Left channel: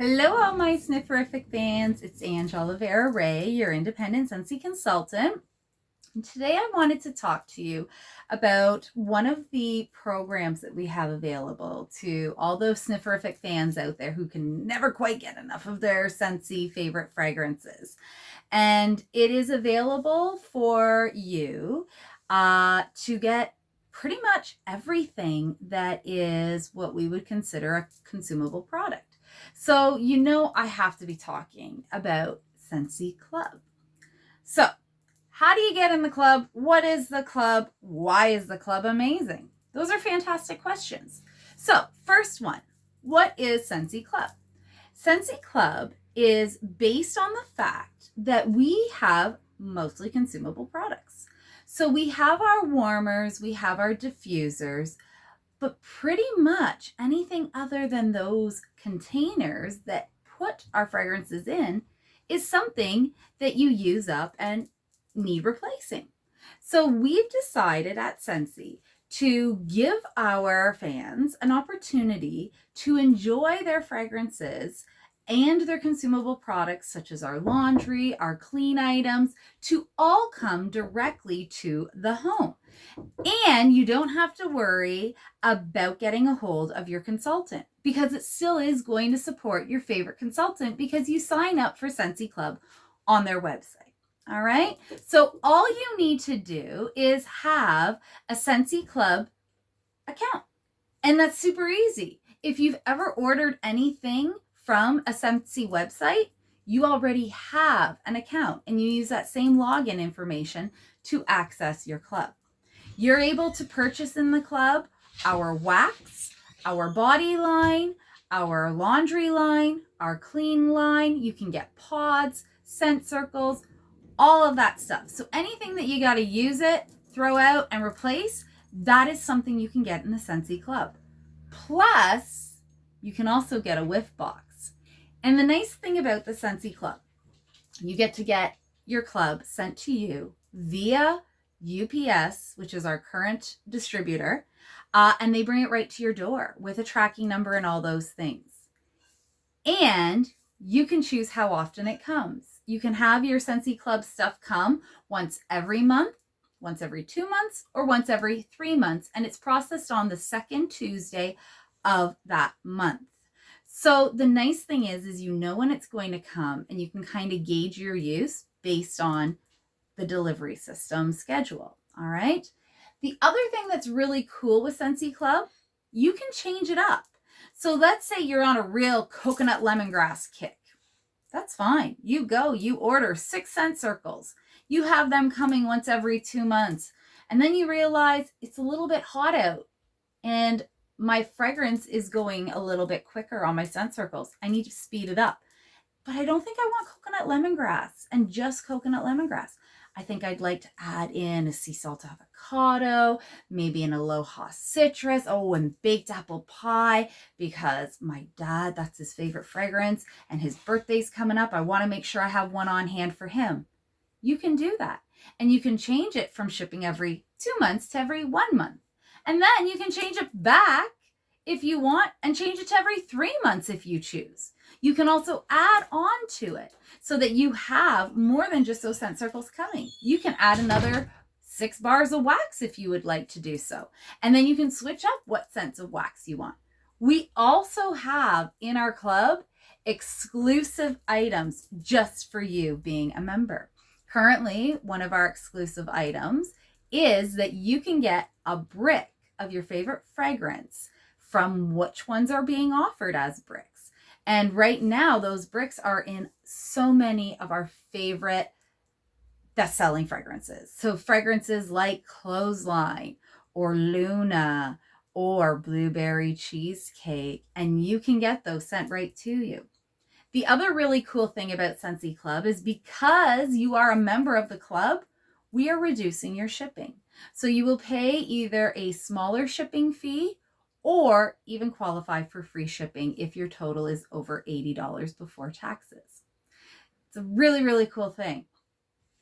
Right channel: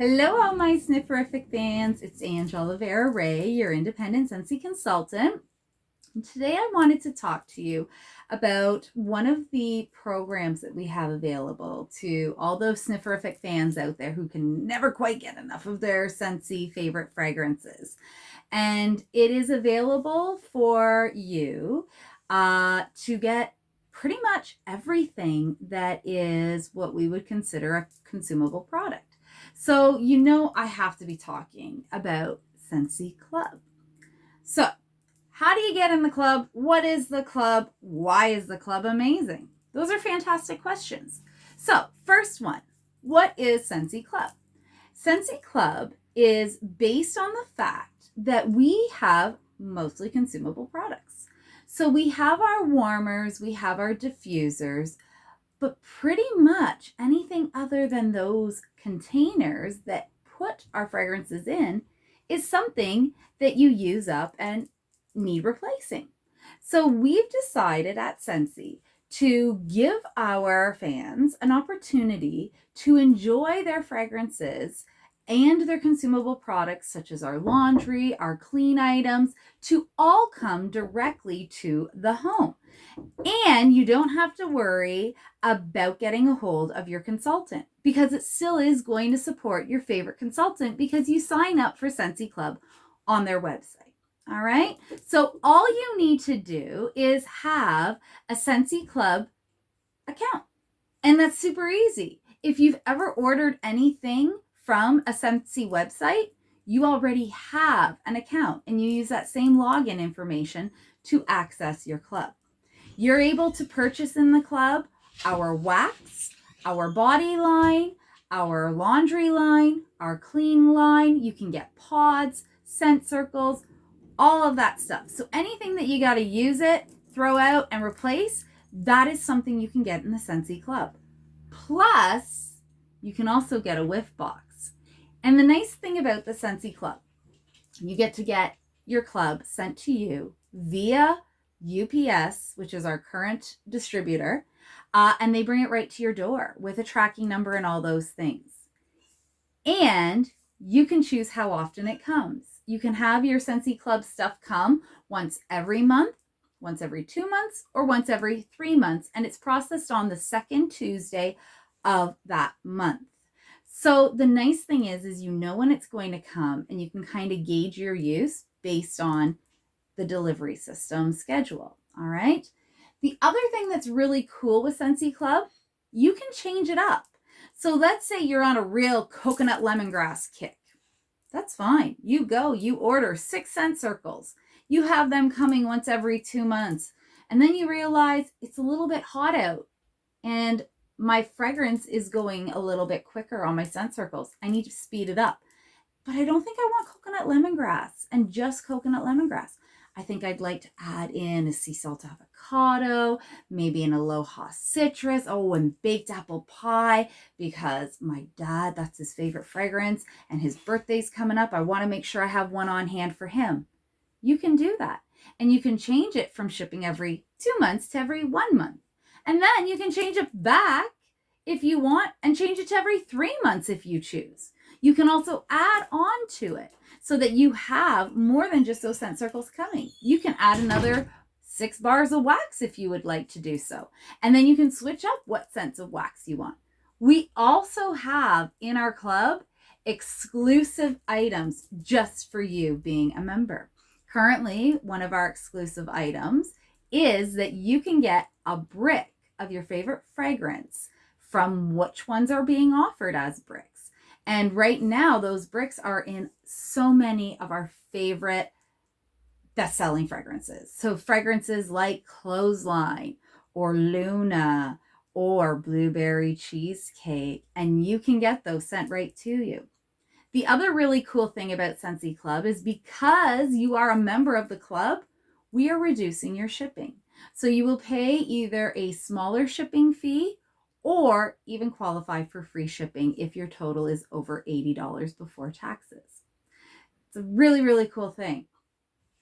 Hello, all my Snifferific fans. It's Ange Oliveira Ray, your independent Scentsy consultant. And today I wanted to talk to you about one of the programs that we have available to all those Snifferific fans out there who can never quite get enough of their Scentsy favorite fragrances. And it is available for you to get pretty much everything that is what we would consider a consumable product. So, I have to be talking about Scentsy Club. So, how do you get in the club? What is the club? Why is the club amazing? Those are fantastic questions. So, first one, what is Scentsy Club? Scentsy Club is based on the fact that we have mostly consumable products. So, we have our warmers, we have our diffusers, but pretty much anything other than those containers that put our fragrances in is something that you use up and need replacing. So we've decided at Scentsy to give our fans an opportunity to enjoy their fragrances and their consumable products, such as our laundry, our clean items, to all come directly to the home. And you don't have to worry about getting a hold of your consultant, because it still is going to support your favorite consultant because you sign up for Scentsy Club on their website. All right. So all you need to do is have a Scentsy Club account. And that's super easy. If you've ever ordered anything from a Scentsy website, you already have an account and you use that same login information to access your club. You're able to purchase in the club our wax, our body line, our laundry line, our clean line. You can get pods, scent circles, all of that stuff. So anything that you got to use it, throw out, and replace, that is something you can get in the Scentsy Club. Plus, you can also get a whiff box. And the nice thing about the Scentsy Club, you get to get your club sent to you via UPS, which is our current distributor, and they bring it right to your door with a tracking number and all those things. And you can choose how often it comes. You can have your Scentsy Club stuff come once every month, once every 2 months, or once every 3 months, and it's processed on the second Tuesday of that month. So the nice thing is you know when it's going to come, and you can kind of gauge your use based on the delivery system schedule. All right. The other thing that's really cool with Scentsy Club, you can change it up. So let's say you're on a real coconut lemongrass kick. That's fine. You order 6 scent circles. You have them coming once every 2 months. And then you realize it's a little bit hot out and my fragrance is going a little bit quicker on my scent circles. I need to speed it up. But I don't think I want coconut lemongrass and just coconut lemongrass. I think I'd like to add in a sea salt avocado, maybe an aloha citrus, and baked apple pie, because my dad, that's his favorite fragrance, and his birthday's coming up. I want to make sure I have one on hand for him. You can do that. And you can change it from shipping every 2 months to every 1 month. And then you can change it back if you want and change it to every 3 months if you choose. You can also add on to it so that you have more than just those scent circles coming. You can add another 6 bars of wax if you would like to do so. And then you can switch up what scents of wax you want. We also have in our club exclusive items just for you being a member. Currently, one of our exclusive items is that you can get a brick of your favorite fragrance from which ones are being offered as bricks. And right now, those bricks are in so many of our favorite best-selling fragrances. So fragrances like Clothesline or Luna or Blueberry Cheesecake, and you can get those sent right to you. The other really cool thing about Scentsy Club is because you are a member of the club, we are reducing your shipping. So you will pay either a smaller shipping fee or even qualify for free shipping if your total is over $80 before taxes. It's a really, really cool thing.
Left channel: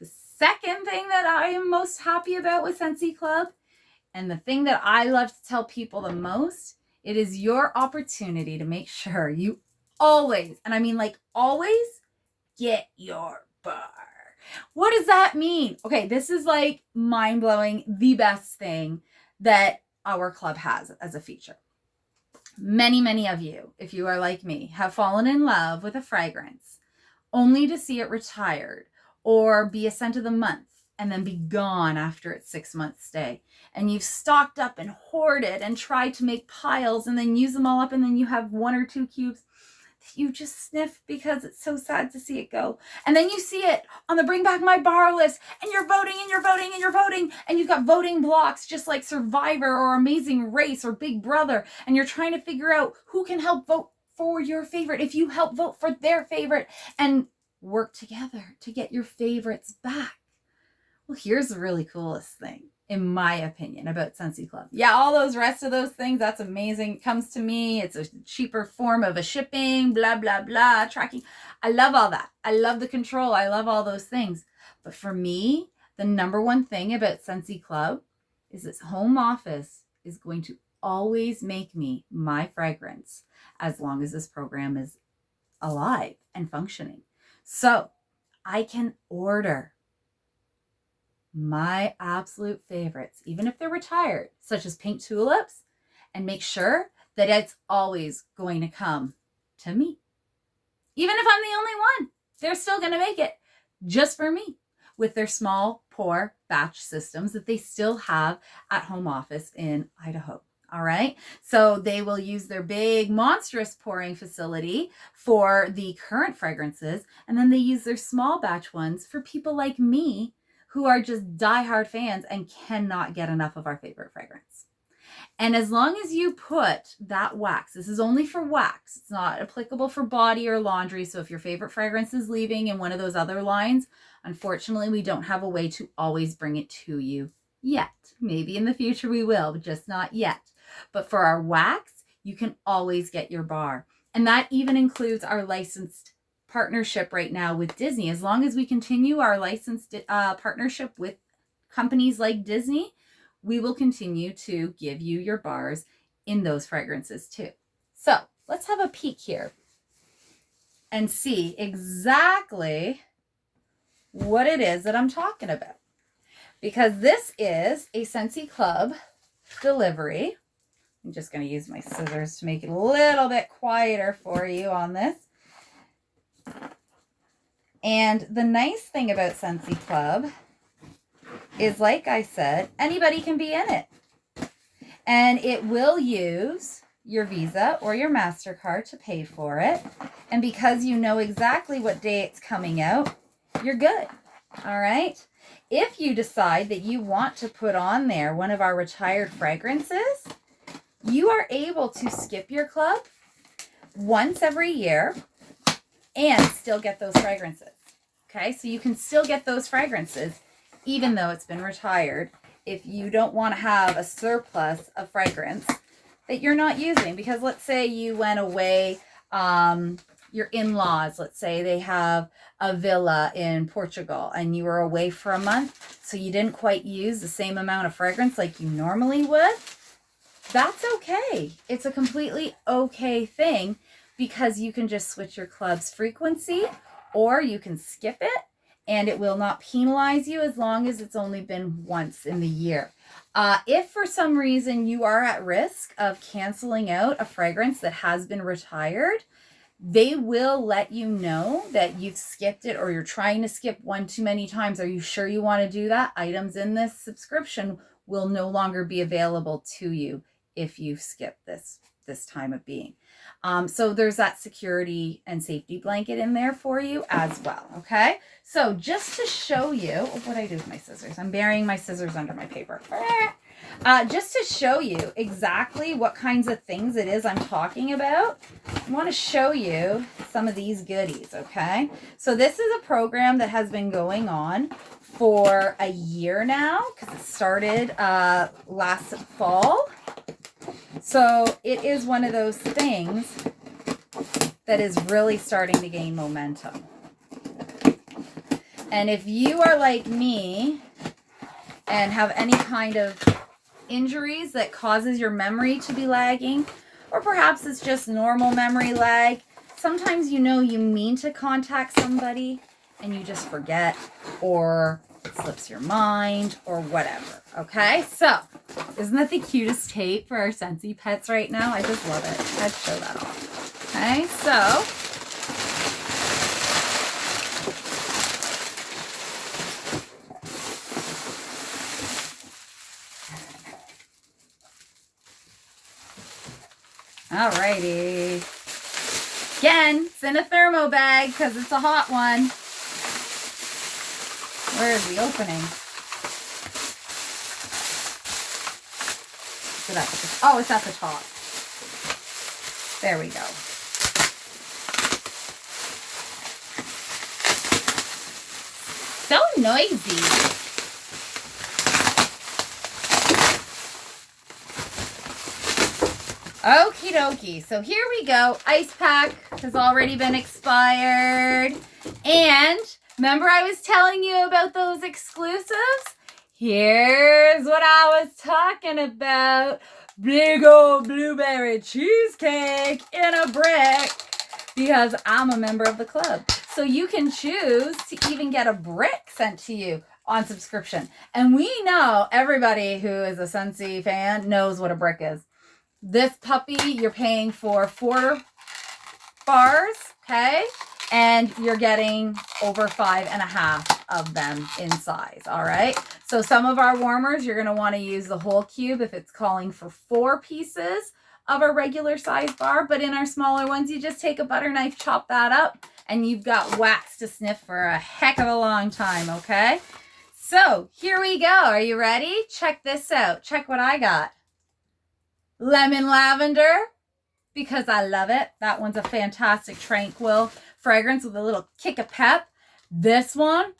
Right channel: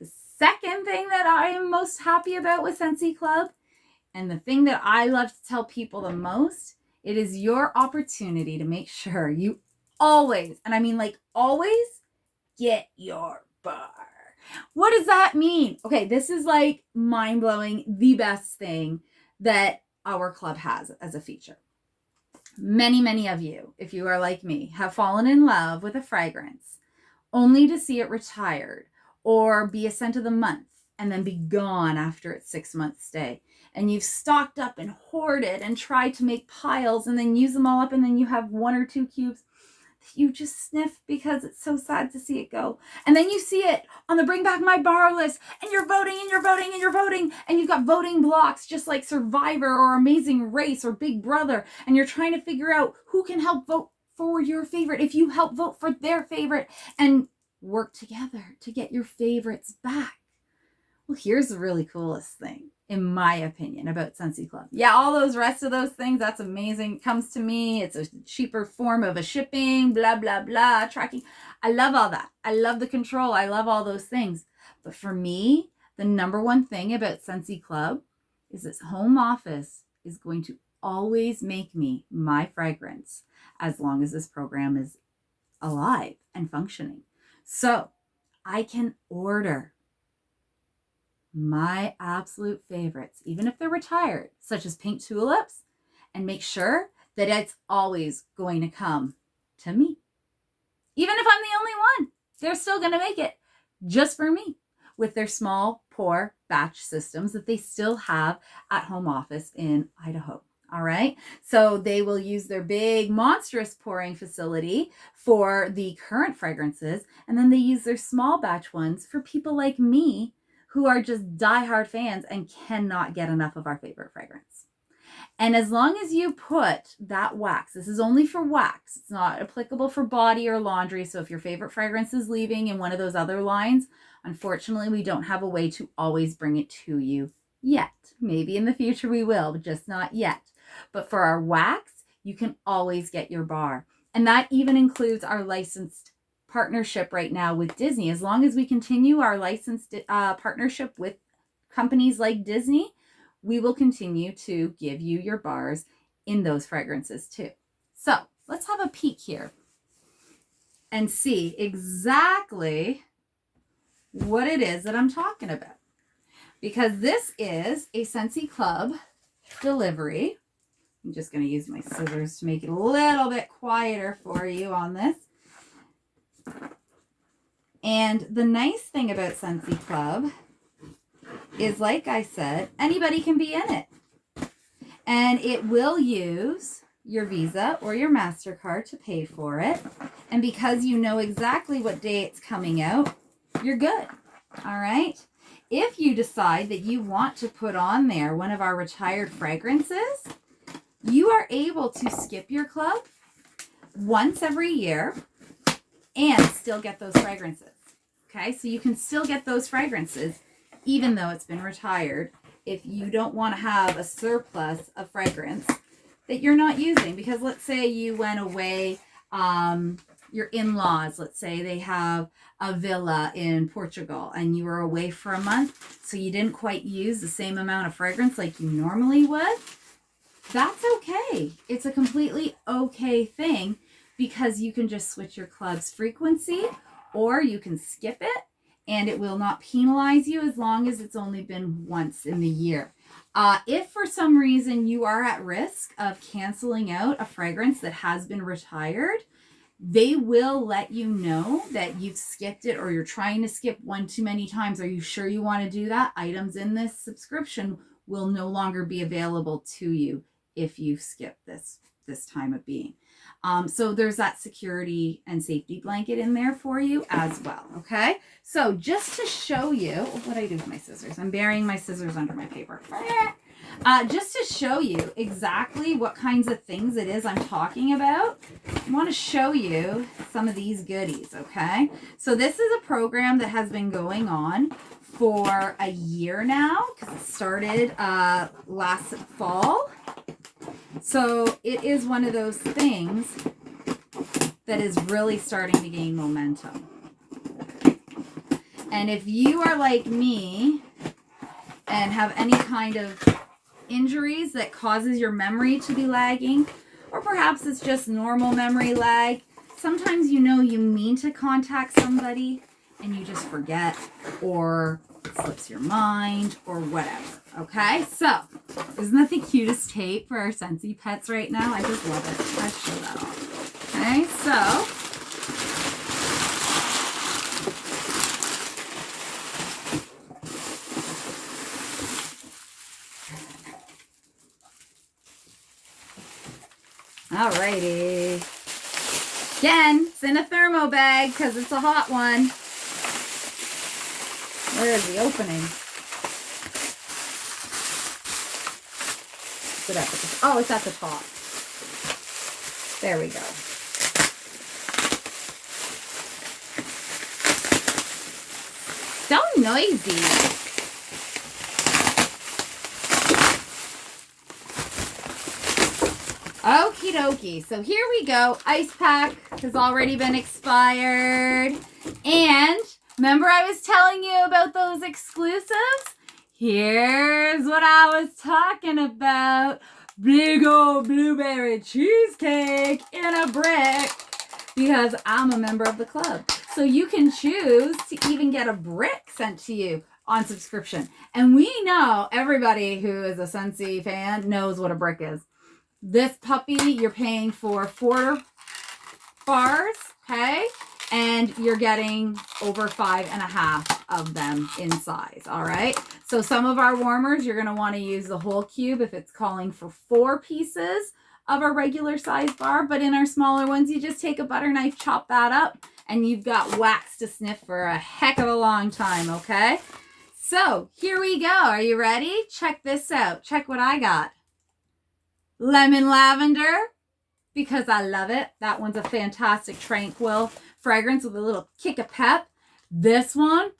The second thing that I am most happy about with Scentsy Club, and the thing that I love to tell people the most, it is your opportunity to make sure you always, and I mean like always, get your bar. What does that mean? Okay, this is like mind-blowing, the best thing that our club has as a feature. Many of you, if you are like me, have fallen in love with a fragrance only to see it retired or be a scent of the month and then be gone after its 6-month stay. And you've stocked up and hoarded and tried to make piles and then use them all up, and then you have 1 or 2 cubes you just sniff because it's so sad to see it go. And then you see it on the Bring Back My Bar list, and you're voting and you're voting and you're voting, and you've got voting blocks just like Survivor or Amazing Race or Big Brother, and you're trying to figure out who can help vote for your favorite if you help vote for their favorite and work together to get your favorites back. Well, here's the really coolest thing, in my opinion, about Scentsy Club. Yeah, all those rest of those things, that's amazing. It comes to me. It's a cheaper form of a shipping, blah, blah, blah, tracking. I love all that. I love the control. I love all those things. But for me, the number one thing about Scentsy Club is this home office is going to always make me my fragrance as long as this program is alive and functioning. So I can order my absolute favorites, even if they're retired, such as pink tulips, and make sure that it's always going to come to me. Even if I'm the only one, they're still going to make it just for me with their small pour batch systems that they still have at home office in Idaho. All right. So they will use their big monstrous pouring facility for the current fragrances. And then they use their small batch ones for people like me who are just diehard fans and cannot get enough of our favorite fragrance. And as long as you put that wax, this is only for wax, it's not applicable for body or laundry. So if your favorite fragrance is leaving in one of those other lines, unfortunately, we don't have a way to always bring it to you yet. Maybe in the future we will, but just not yet. But for our wax, you can always get your bar. And that even includes our licensed partnership right now with Disney. As long as we continue our licensed partnership with companies like Disney, we will continue to give you your bars in those fragrances too. So let's have a peek here and see exactly what it is that I'm talking about. Because this is a Scentsy Club delivery. I'm just going to use my scissors to make it a little bit quieter for you on this. And the nice thing about Scentsy Club is, like I said, anybody can be in it. And it will use your Visa or your MasterCard to pay for it. And because you know exactly what day it's coming out, you're good. All right? If you decide that you want to put on there one of our retired fragrances, you are able to skip your club once every year and still get those fragrances. Okay, so you can still get those fragrances even though it's been retired if you don't want to have a surplus of fragrance that you're not using. Because let's say you went away, your in-laws, let's say they have a villa in Portugal and you were away for a month, so you didn't quite use the same amount of fragrance like you normally would. That's okay. It's a completely okay thing, because you can just switch your club's frequency or you can skip it and it will not penalize you as long as it's only been once in the year. If for some reason you are at risk of canceling out a fragrance that has been retired, they will let you know that you've skipped it or you're trying to skip one too many times. Are you sure you want to do that? Items in this subscription will no longer be available to you if you've skipped this time of being. So there's that security and safety blanket in there for you as well. Okay. So just to show you what I do with my scissors, I'm burying my scissors under my paper. Just to show you exactly what kinds of things it is I'm talking about, I want to show you some of these goodies. Okay. So this is a program that has been going on for a year now, because it started last fall. So it is one of those things that is really starting to gain momentum. And if you are like me and have any kind of injuries that causes your memory to be lagging, or perhaps it's just normal memory lag, sometimes you know you mean to contact somebody and you just forget, or it slips your mind, or whatever. Okay, so isn't that the cutest tape for our Scentsy pets right now? I just love it. Let's show that off. Okay, so alrighty. Again, it's in a thermo bag because it's a hot one. Where is the opening? Is it at the, oh, it's at the top. There we go. So noisy. Okie dokie. So here we go. Ice pack has already been expired. And remember I was telling you about those exclusives? Here's what I was talking about. Big old blueberry cheesecake in a brick. Because I'm a member of the club. So you can choose to even get a brick sent to you on subscription. And we know everybody who is a Scentsy fan knows what a brick is. This puppy, you're paying for 4 bars, okay? And you're getting over 5.5 of them in size, all right? So some of our warmers, you're gonna wanna use the whole cube if it's calling for 4 pieces of a regular size bar, but in our smaller ones, you just take a butter knife, chop that up, and you've got wax to sniff for a heck of a long time, okay? So here we go, are you ready? Check this out, check what I got. Lemon lavender, because I love it. That one's a fantastic tranquil fragrance with a little kick of pep. This one,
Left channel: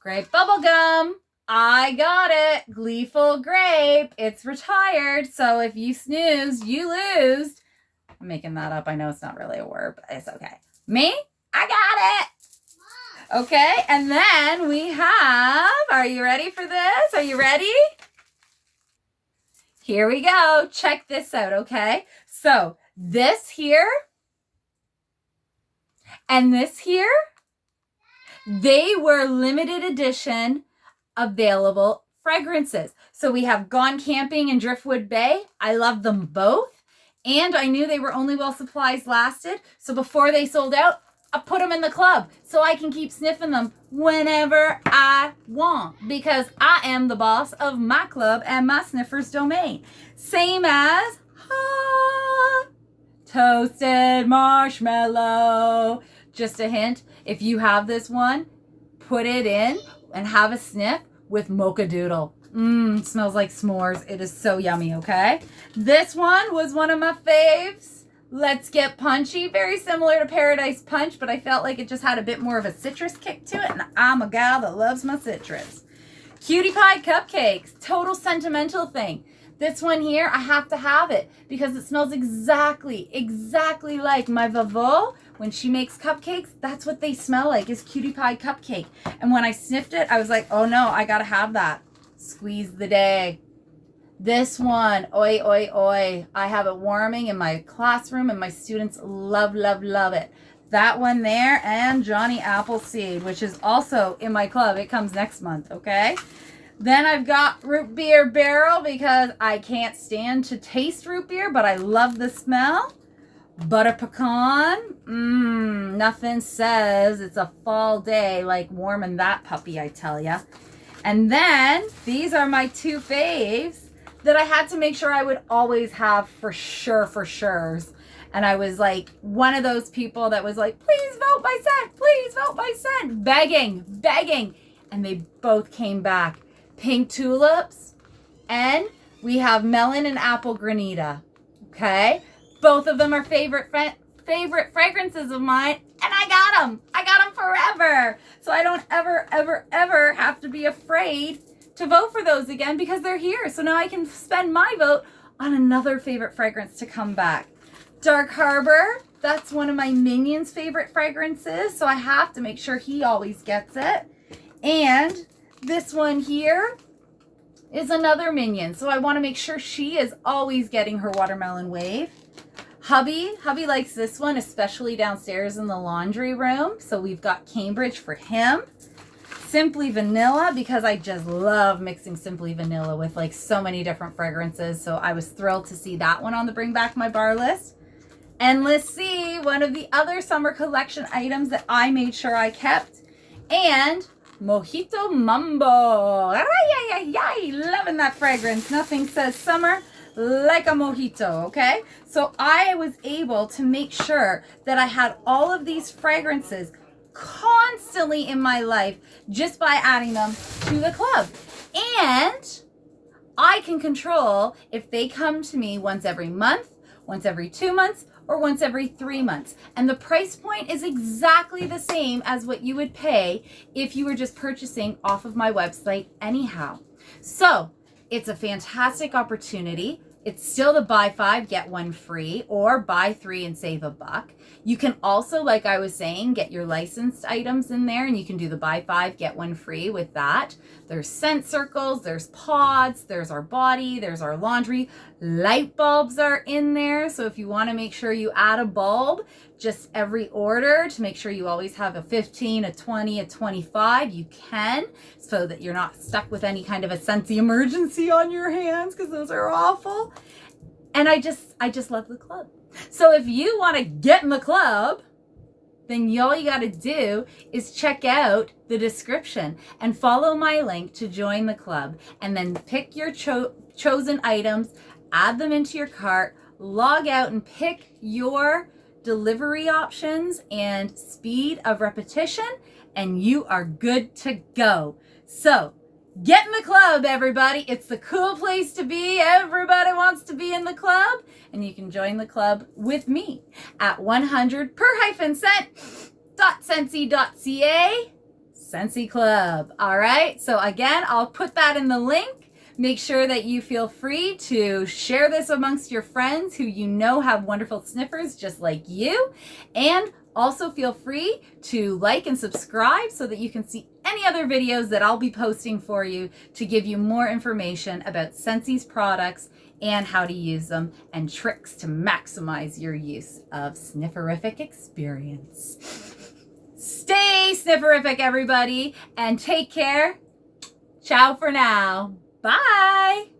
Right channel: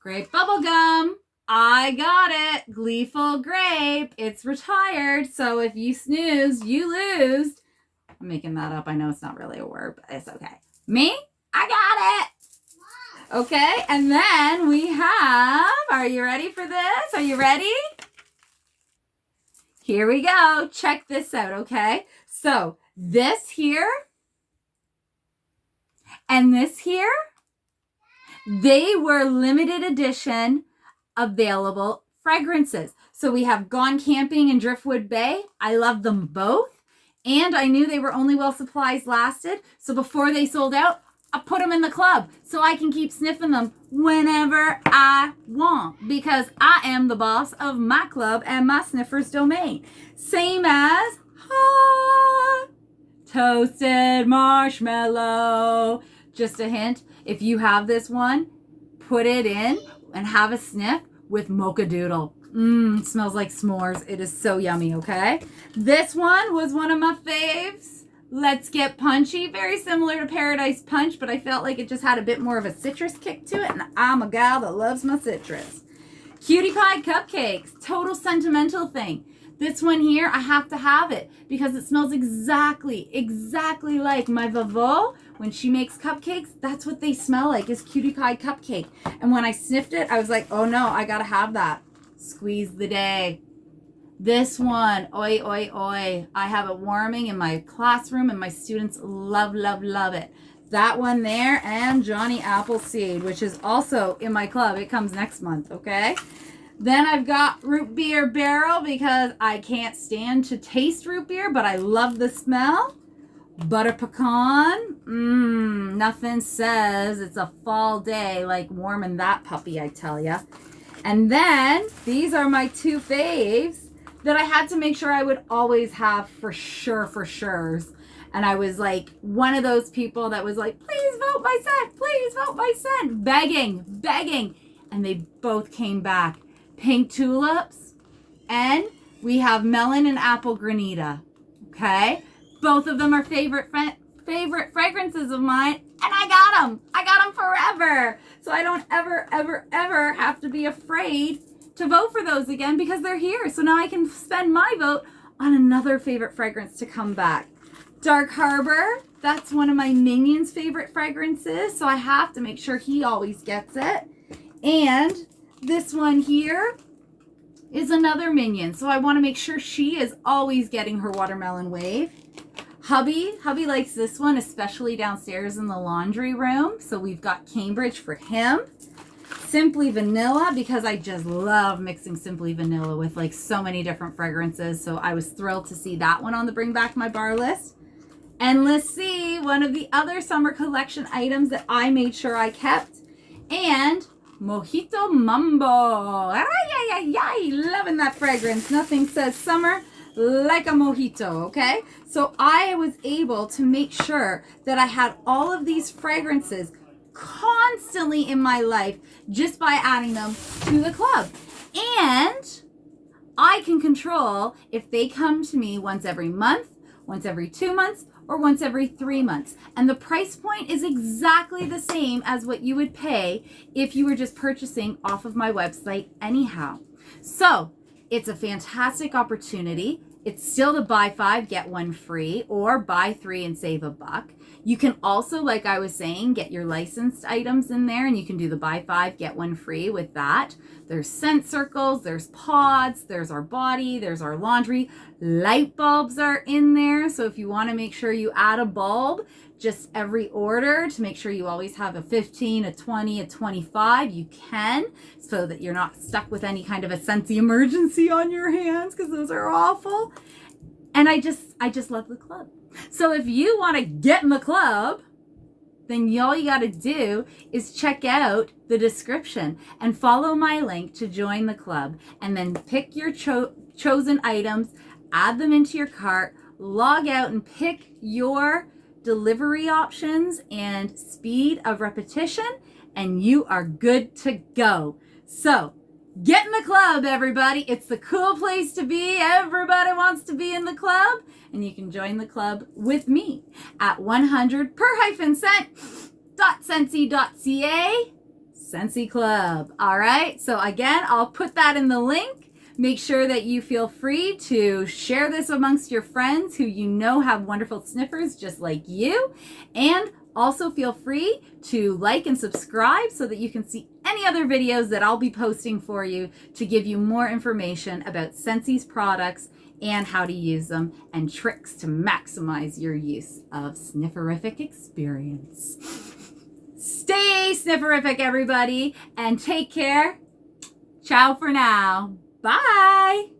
grape bubblegum. I got it. Gleeful grape. It's retired. So if you snooze, you lose. I'm making that up. I know it's not really a word, but it's okay. Me? I got it. Okay. And then we have, are you ready for this? Are you ready? Here we go. Check this out, okay? So this here and this here, they were limited edition available fragrances. So we have Gone Camping and Driftwood Bay. I love them both. And I knew they were only while supplies lasted. So before they sold out, I put them in the club so I can keep sniffing them whenever I want, because I am the boss of my club and my sniffer's domain. Same as toasted marshmallow. Just a hint, if you have this one, put it in and have a sniff with Mocha Doodle. Smells like s'mores. It is so yummy, okay? This one was one of my faves. Let's Get Punchy. Very similar to Paradise Punch, but I felt like it just had a bit more of a citrus kick to it, and I'm a gal that loves my citrus. Cutie Pie Cupcakes. Total sentimental thing. This one here, I have to have it because it smells exactly like my Vavo. When she makes cupcakes, that's what they smell like, is Cutie Pie Cupcake. And when I sniffed it, I was like, oh no, I gotta have that. Squeeze the day. This one, oi, oi, oi. I have it warming in my classroom and my students love, love, love it. That one there, and Johnny Appleseed, which is also in my club. It comes next month, okay? Then I've got Root Beer Barrel because I can't stand to taste root beer, but I love the smell. Butter Pecan. Nothing says it's a fall day like warming that puppy, I tell ya. And then these are my 2 faves that I had to make sure I would always have for sure. And I was like one of those people that was like, please vote my scent, please vote my scent, begging. And they both came back. Pink Tulips, and we have Melon and Apple Granita, okay? Both of them are favorite fragrances of mine, and I got them forever. So I don't ever have to be afraid to vote for those again because they're here. So now I can spend my vote on another favorite fragrance to come back. Dark Harbor, that's one of my Minion's favorite fragrances, so I have to make sure he always gets it. And this one here is another Minion, so I want to make sure she is always getting her Watermelon Wave. Hubby likes this one, especially downstairs in the laundry room. So we've got Cambridge for him. Simply Vanilla, because I just love mixing Simply Vanilla with like so many different fragrances. So I was thrilled to see that one on the Bring Back My Bar list. Endless Sea, one of the other summer collection items that I made sure I kept. And Mojito Mambo. Ay, ay, ay, ay, loving that fragrance. Nothing says summer like a mojito, okay? So I was able to make sure that I had all of these fragrances constantly in my life just by adding them to the club. And I can control if they come to me once every month, once every 2 months, or once every 3 months. And the price point is exactly the same as what you would pay if you were just purchasing off of my website anyhow. So it's a fantastic opportunity. It's still the buy 5, get 1 free, or buy 3 and save $1. You can also, like I was saying, get your licensed items in there, and you can do the buy 5, get 1 free with that. There's scent circles, there's pods, there's our body, there's our laundry. Light bulbs are in there. So if you want to make sure you add a bulb just every order to make sure you always have a 15, a 20, a 25, you can, so that you're not stuck with any kind of a Scentsy emergency on your hands, because those are awful. And I just love the club. So if you want to get in the club, then all you got to do is check out the description and follow my link to join the club, and then pick your chosen items, add them into your cart, log out and pick your delivery options and speed of repetition, and you are good to go. So get in the club, everybody. It's the cool place to be. Everybody wants to be in the club, and you can join the club with me at 100per-cent.scentsy.ca Scentsy Club. All right. So again, I'll put that in the link. Make sure that you feel free to share this amongst your friends who you know have wonderful sniffers just like you. And also feel free to like and subscribe so that you can see any other videos that I'll be posting for you to give you more information about Scentsy's products and how to use them, and tricks to maximize your use of Snifferific experience. Stay Snifferific, everybody, and take care. Ciao for now. Bye.